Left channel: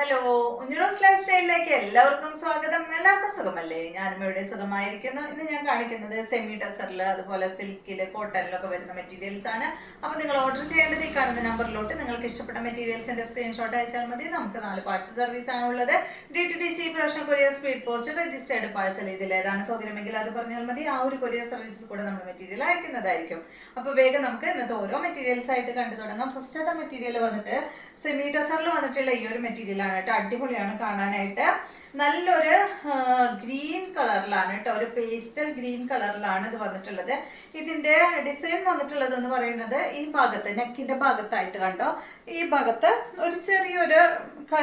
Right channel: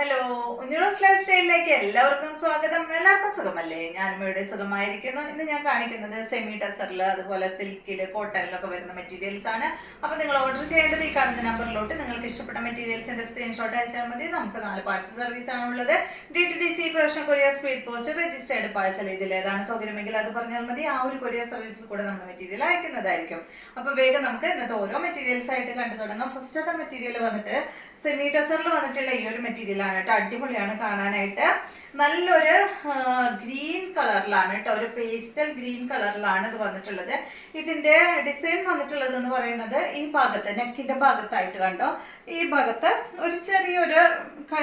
Hello, ഉഞ്ഞിറോസ് life സ്റ്റൈലിലേക്ക് എല്ലാവർക്കും സ്വാഗതം. എല്ലാവർക്കും സുഖമല്ലേ? ഞാനും ഇവിടെ സുഖമായിരിക്കുന്നു. ഇന്ന് ഞാൻ കാണിക്കുന്നത് സെമി ടസറിൽ അതുപോലെ സിൽക്കിൽ കോട്ടണിലൊക്കെ വരുന്ന മെറ്റീരിയൽസ് ആണ്. അപ്പോൾ നിങ്ങൾ ഓർഡർ ചെയ്യേണ്ടത് ഈ കാണുന്ന നമ്പറിലോട്ട് നിങ്ങൾക്ക് ഇഷ്ടപ്പെട്ട മെറ്റീരിയൽസിന്റെ സ്ക്രീൻഷോട്ട് അയച്ചാൽ മതി. നമുക്ക് 4 പാർസൽ സർവീസ് ആണുള്ളത്. DTDC, professional courier, speed post, registered parcel. ഇതിൽ ഏതാണ് സൗകര്യമെങ്കിൽ അത് പറഞ്ഞാൽ മതി. ആ ഒരു കൊറിയർ സർവീസിൽ കൂടെ നമ്മൾ മെറ്റീരിയൽ അയക്കുന്നതായിരിക്കും. അപ്പോൾ വേഗം നമുക്ക് ഇന്നത്തെ ഓരോ മെറ്റീരിയൽസ് ആയിട്ട് കണ്ടു തുടങ്ങാം. ഫസ്റ്റത്തെ മെറ്റീരിയൽ വന്നിട്ട് സെമി ടസറിൽ വന്നിട്ടുള്ള ഈ ഒരു മെറ്റീരിയൽ ആണ് കേട്ടോ. അടിപൊളിയാണ് കാണാനായിട്ട്. നല്ലൊരു ഗ്രീൻ കളറിലാണ് കേട്ടോ, ഒരു പേസ്റ്റൽ ഗ്രീൻ കളറിലാണ് ഇത് വന്നിട്ടുള്ളത്. ഇതിന്റെ ഡിസൈൻ വന്നിട്ടുള്ളത് എന്ന് പറയുന്നത് ഈ ഭാഗത്ത് നെക്കിന്റെ ഭാഗത്തായിട്ട് കണ്ടോ, ഈ ഭാഗത്ത് ഒരു ചെറിയൊരു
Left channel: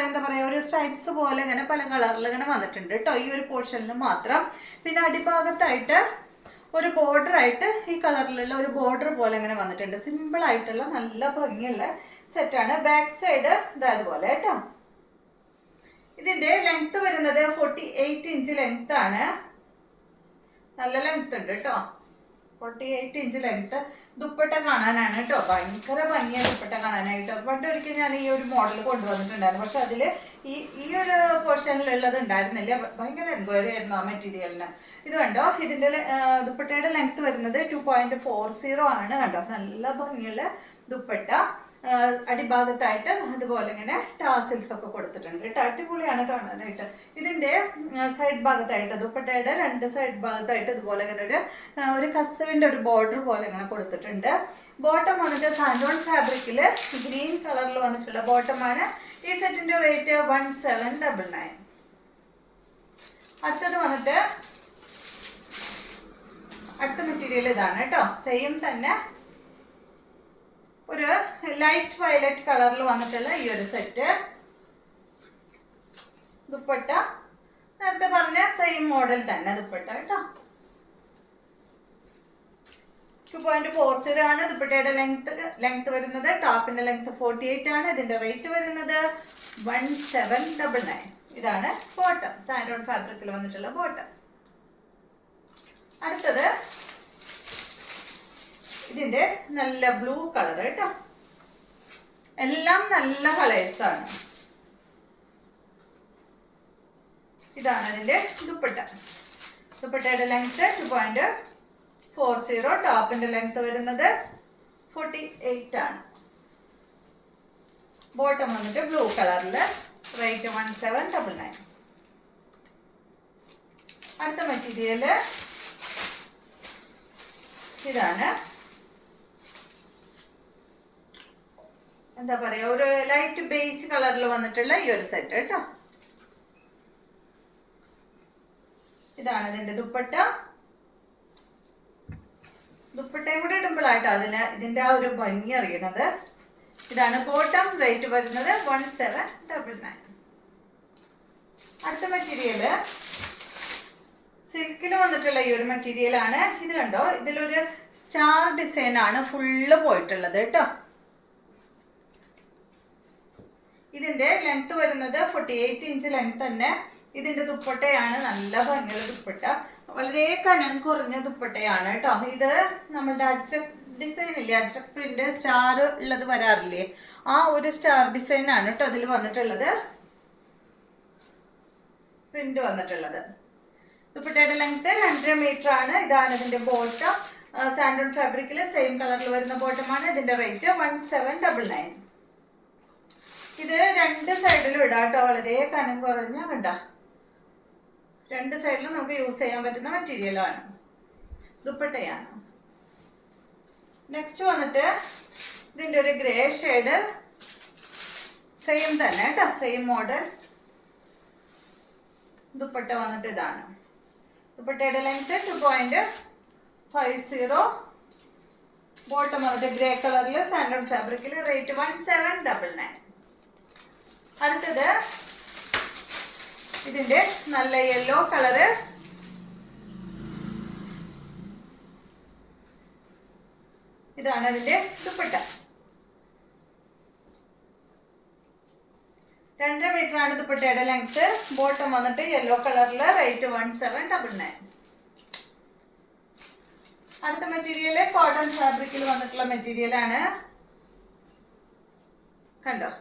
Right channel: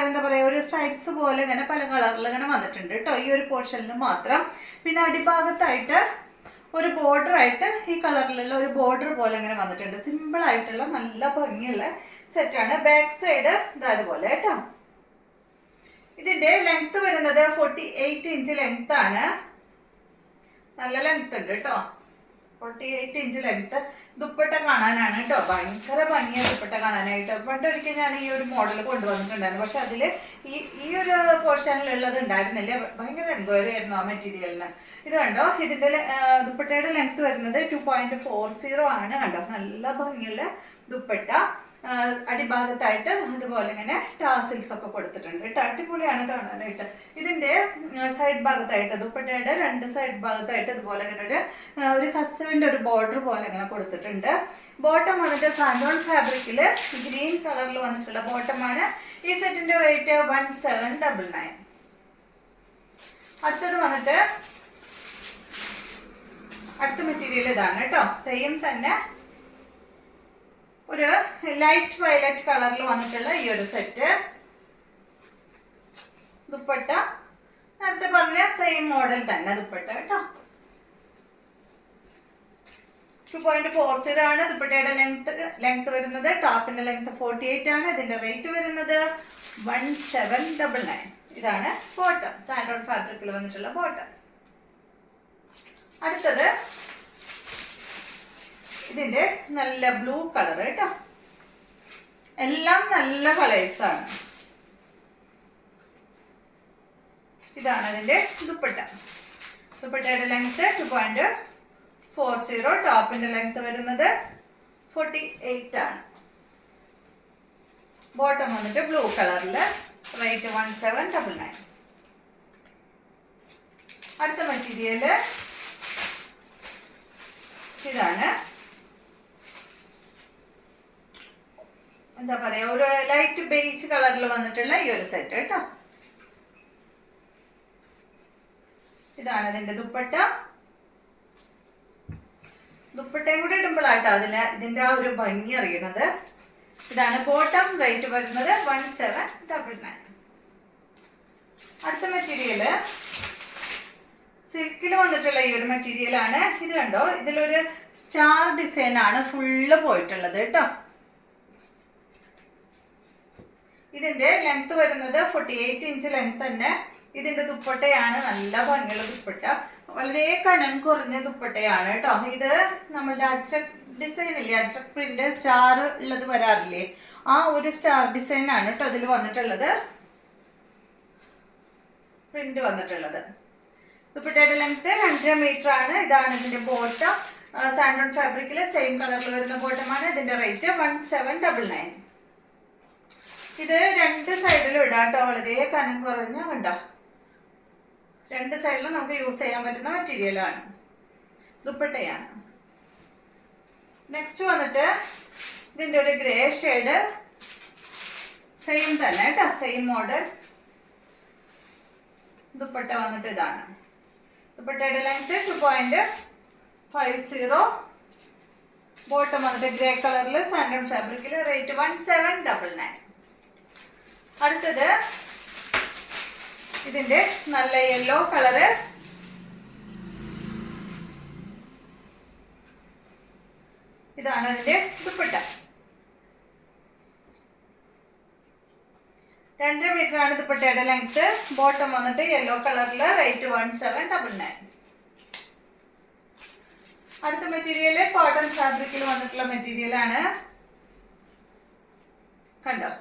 എന്താ പറയാ, ഒരു സ്ട്രൈപ്സ് പോലെ ഇങ്ങനെ പല കളറിൽ ഇങ്ങനെ വന്നിട്ടുണ്ട് കേട്ടോ, ഈ ഒരു പോർഷനിൽ മാത്രം. പിന്നെ അടിഭാഗത്തായിട്ട് ഒരു ബോർഡർ ആയിട്ട് ഈ കളറിലുള്ള ഒരു ബോർഡർ പോലെ ഇങ്ങനെ വന്നിട്ടുണ്ട്. സിമ്പിൾ ആയിട്ടുള്ള നല്ല ഭംഗിയുള്ള സെറ്റാണ്. ബാക്ക് സൈഡ് ഇതാ അതുപോലെ കേട്ടോ. ഇതിന്റെ ലെങ്ത് വരുന്നത് 48 ഇഞ്ച് ലെങ്ത് ആണ്. നല്ല ലെങ്ത് ഉണ്ട് കേട്ടോ, 48 ഇഞ്ച് ലെങ്ത്. ദുപ്പട്ട കാണാനാണ് കേട്ടോ, ഭയങ്കര ഭംഗിയാണ് ദുപ്പട്ട കാണാനായിട്ട്. പണ്ടൊരിക്കൽ ഞാൻ ഈ ഒരു മോഡൽ കൊണ്ടുവന്നിട്ടുണ്ടായിരുന്നു, പക്ഷെ അതിൽ ഈ ഒരു പോർഷനിലുള്ളത് ഉണ്ടായിരുന്നില്ല. ഭയങ്കര എൻക്വയറി ആയിരുന്നു ആ മെറ്റീരിയലിന്. ഇത് കണ്ടോ, ഇതിന്റെ ദുപ്പട്ടയുടെ ലെങ്ത് വരുന്നത് 2.40 ആണ്. കണ്ടോ, നല്ല ഭംഗിയുള്ള ദുപ്പട്ട. അടിഭാഗത്തായിട്ട് അതുപോലെ ഇങ്ങനെ ടാസിൽസ് ഒക്കെ കൊടുത്തിട്ടുണ്ട് കേട്ടോ. അടിപൊളിയാണ് കാണാനായിട്ട്. ഇതിന്റെ സൈഡ് ഭാഗത്തായിട്ട് ദുപ്പട്ടയുടെ 2 സൈഡ് ഭാഗത്തായിട്ട് ഇതുപോലെ ഇങ്ങനെ ഒരു കസവിന്റെ ഒരു ബോർഡർ പോലെ ഇങ്ങനെ കൊടുത്തിട്ടുണ്ട്. ബോട്ടം വന്നിട്ട് സാൻഡോൺ ഫാബ്രിക്കിൽ ഗ്രീൻ കളറിൽ വന്നിട്ടുള്ള ബോട്ടമാണ്. ഈ സെറ്റിന്റെ റേറ്റ് 1799. അടുത്തത് വന്നിട്ട് അടുത്ത മെറ്റീരിയൽ ഇതാണ് കേട്ടോ. സെയിം തന്നെ ഒരു ലൈറ്റ് വയലറ്റ് കളറിൽ വന്നിട്ടുള്ള ഈ ഒരു സെറ്റ്. ദുപ്പട്ട നേരത്തെ പറഞ്ഞ സെയിം മോഡൽ തന്നെ ദുപ്പട്ട കേട്ടോ. 2.40 ആണ് ദുപ്പട്ടയുടെ ലെങ്ത് വരുന്നത്. ടോപ്പിന്റെ ലെങ്ത് 48 ആണ്. ഇതിന്റെ റേറ്റ് വരുന്നത് 1799. ഇതാണ് ബോട്ടം, സാൻഡോൺ ഫാബ്രിക്കിൽ വന്നിട്ടുള്ള ബോട്ടം. അടുത്തത് ഇതിന്റെ നല്ല ബ്ലൂ കളർ കേട്ടോ. എല്ലാം നല്ല കളേഴ്സ് ആണ്. ഇതാണ് ഇതിന്റെ ദുപ്പട്ട. ദുപ്പട്ടയുടെ ലെങ്ത് 2.40. ടോപ്പിന്റെ ലെങ്ത് വരുന്നത് 48 ആണ്. ബോട്ടം വന്നിട്ട് ബ്ലൂ കളറിൽ. റേറ്റ് 1799. അടുത്ത മെറ്റീരിയല് ഇതാണ്. എന്താ പറയാ, ഒരു ലൈറ്റ് ബേജ് കളറിൽ വന്നിട്ടുള്ള ഈ ഒരു സെറ്റ് കേട്ടോ. ഇതാണ് ഇതിന്റെ ദുപ്പട്ട. ദുപ്പട്ടയും കൂടി ഇടുമ്പോഴാട്ടോ ഇതിന്റെ ആ ഒരു ഭംഗി അറിയണത്. ഇതാണ് ബോട്ടം. റേറ്റ് വരുന്നത് 1799. അടുത്ത മെറ്റീരിയല് സിൽക്കിൽ വന്നിട്ടുള്ള ഈ ഒരു മെറ്റീരിയൽ ആണ്. ഇത് കണ്ടോ, ഇതിലൊരു സ്റ്റാർ ഡിസൈൻ ആണ് ഫുള്ള് പോയിട്ടുള്ളത് കേട്ടോ. ഇതിന്റെ ലെങ്ത് വരുന്നത് 48 ഇഞ്ച് ലെങ്ത് തന്നെ. ഇതിന്റെ ദുപ്പട്ടയാണ് നല്ല ഭംഗിയുള്ള ദുപ്പട്ട. വളരെ കനം കുറഞ്ഞ ദുപ്പട്ടയാണ് കേട്ടോ. ഇത് നമ്മളുടെ അജ്രക് ഡിസൈൻ ഇല്ലേ, അജ്രക് പ്രിന്റ് സ്റ്റാർ ഉള്ളത് വരാറില്ലേ, ആ ഒരു സ്റ്റാർ ഡിസൈൻ ആണ് കേട്ടോ ഇതിൽ വന്നിട്ടുള്ളത്, പ്രിന്റ് വന്നിട്ടുള്ളത്. ദുപ്പട്ടയുടെ ലെങ്ത് 2.5 മീറ്റർ ആണ്. ഇതാണ് ഇതിന്റെ ബോട്ടം. സാൻഡോൺ ഫാബ്രിക്കിൽ സെയിം കളറിൽ വരുന്ന ബോട്ടമാണ്. ഇതിന്റെ റേറ്റ് 1799. ഇത് 2 സൈഡിലും ഇടാം കേട്ടോ. വളരെ കനം കുറഞ്ഞ കണ്ടോ, 2 സൈഡിലും നമുക്ക് യൂസ് ചെയ്യാൻ പറ്റുന്ന മെറ്റീരിയലാണ്, ദുപ്പട്ടയാണ്. നെക്സ്റ്റ് വന്നിട്ട് ഇതിന്റെ ഒരു ഗ്രേ ഷെയ്ഡ്. സെയിം തന്നെ കേട്ടോ, സെയിം മോഡൽ. ദുപ്പട്ട വന്നിട്ട് ഇതാണ്. ദുപ്പട്ടയുടെ ലെങ്ത് 2.50. ബോട്ടം വന്നിട്ട് ഗ്രേ കളറിൽ സാൻഡോൺ ഫാബ്രിക്കിൽ. റേറ്റ് 1799. അടുത്തത് ഇതിന്റെ നല്ല യെല്ലോ കളറ്. ഇതാണ് ഇതിന്റെ ദുപ്പട്ട. 2.5 മീറ്റർ ആണ് ദുപ്പട്ടയുടെ ലെങ്ത്. ബോട്ടം വന്നിട്ട് യെല്ലോ കളറിൽ. റേറ്റ് 1799. അടുത്ത മെറ്റീരിയൽ കോട്ടൺ ഫാബ്രിക്കിൽ വന്നിട്ടുള്ള മെറ്റീരിയൽ ആണ്. കണ്ടോ,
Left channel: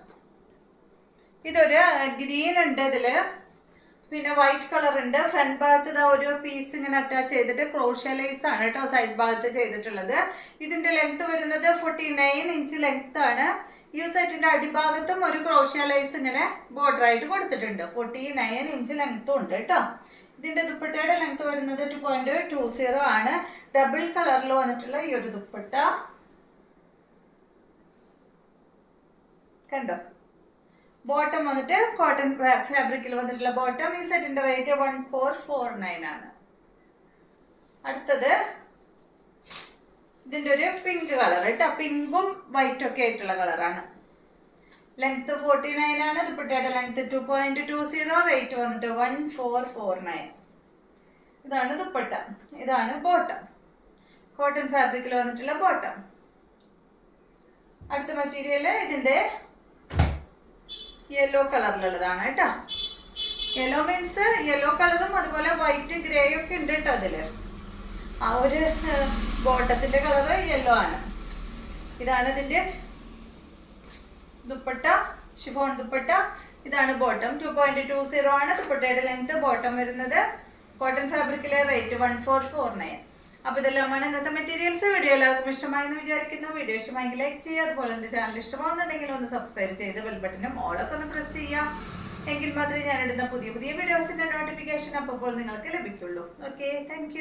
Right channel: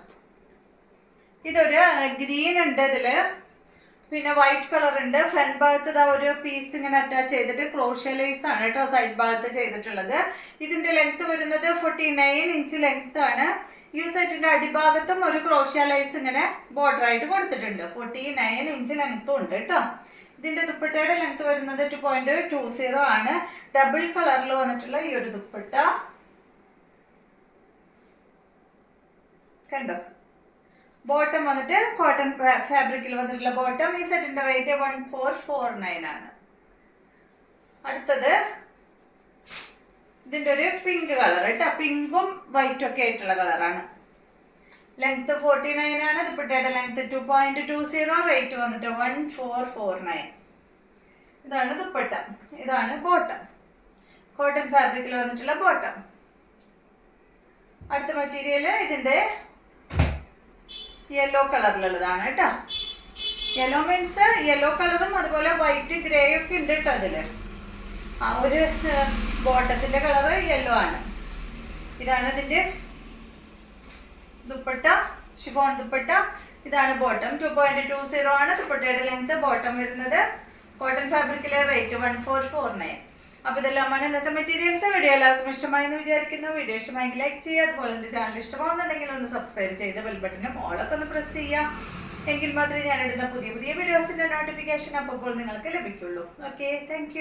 ഇതൊരു ഗ്രീൻ ഉണ്ട് ഇതില്, പിന്നെ വൈറ്റ് കളർ ഉണ്ട്. ഫ്രണ്ട് ഭാഗത്ത് ഇതാ ഒരു പീസ് ഇങ്ങനെ അറ്റാച്ച് ചെയ്തിട്ട് ക്രോഷ്യ ലേസ് ആണ് കേട്ടോ സൈഡ് ഭാഗത്ത് ചെയ്തിട്ടുള്ളത്. ഇതിന്റെ ലെങ്ത് വരുന്നത് 49 ഇഞ്ച് ലെങ്ത് ആണ്. ഈ സെറ്റിന്റെ അടിഭാഗത്തും ഒരു ക്രോഷ്യ ലേസ് ഇങ്ങനെ ബോർഡർ ആയിട്ട് കൊടുത്തിട്ടുണ്ട്. 49 ഇഞ്ച് ലെങ്ത്തും ഉണ്ട് കേട്ടോ. ഇതിന്റെ ദുപ്പട്ടയുടെ ലെങ്ത് വരുന്നത് 2.20 ആണ്. ഡബിൾ കളറിൽ വന്നിട്ടുള്ള ഈ ഒരു ദുപ്പട്ട കണ്ടോ. ബോട്ടം വന്നിട്ട് കോട്ടൺ ഫാബ്രിക്കിൽ വന്നിട്ടുള്ള ബോട്ടം. ഈ സെറ്റിന്റെ റേറ്റ് 1449 ആണ്. അടുത്തത് ഇതിന്റെ ഒരു പിങ്ക് കളർ കേട്ടോ, പിങ്കും വൈറ്റും ഒക്കെ ആയിട്ടുള്ള കളറാണ്. ലെങ്ത് 49 ആണ്. ദുപ്പട്ടയുടെ ലെങ്ത് 2.20, റേറ്റ് വന്നിട്ട് 1449. ഇതാണ് ദുപ്പട്ട, ഇതാണ് ബോട്ടം. കോട്ടൺ ഫാബ്രിക്കിൽ വന്നിട്ടുള്ള ബോട്ടം. അടുത്ത മെറ്റീരിയൽ ഇതിന്റെ യെല്ലോ കളറിലുള്ളതാണ് കേട്ടോ. യെല്ലോ മീൻസ് യെല്ലോ കളറും അതുപോലെ വൈറ്റ് ഗ്രേ ഒക്കെ ഉണ്ട് കേട്ടോ അതില്. ആ ഒരു ബോട്ടത്തിന്റെ കളർ യെല്ലോ ആണ്. ഇതാണ് ഇതിന്റെ ദുപ്പട്ട, ഷിഫോൺ ദുപ്പട്ട. ഇതാണ് ബോട്ടം, 2.20 ആണ് ദുപ്പട്ടയുടെ ലെങ്ത്. ബോട്ടം വരുന്നത് കോട്ടൺ ഫാബ്രിക്കിലെ റേറ്റ് 1449. അപ്പോൾ ഇതെല്ലാമാണ് ഇന്നത്തെ മെറ്റീരിയൽസ്. വീഡിയോ എല്ലാവർക്കും ഇഷ്ടമായി എന്ന് വിചാരിക്കുന്നു. വീഡിയോ ഇഷ്ടമായെങ്കിൽ ലൈക്ക് ചെയ്യുക. അതുപോലെ എൻ്റെ ചാനൽ ഇഷ്ടമാകുന്നുണ്ടെങ്കിൽ ഒന്ന് സബ്സ്ക്രൈബ് ചെയ്ത് ബെൽ ബട്ടനും ഓളൊക്കെ ഒന്ന് പ്രസ് ചെയ്യാം. എങ്കിൽ മാത്രമേ ഞാൻ ഇടുന്ന പുതിയ വീഡിയോസിൻ്റെ നോട്ടിഫിക്കേഷൻ അപ്പോൾ നിങ്ങൾക്ക് ലഭിക്കുള്ളൂ. Okay, thank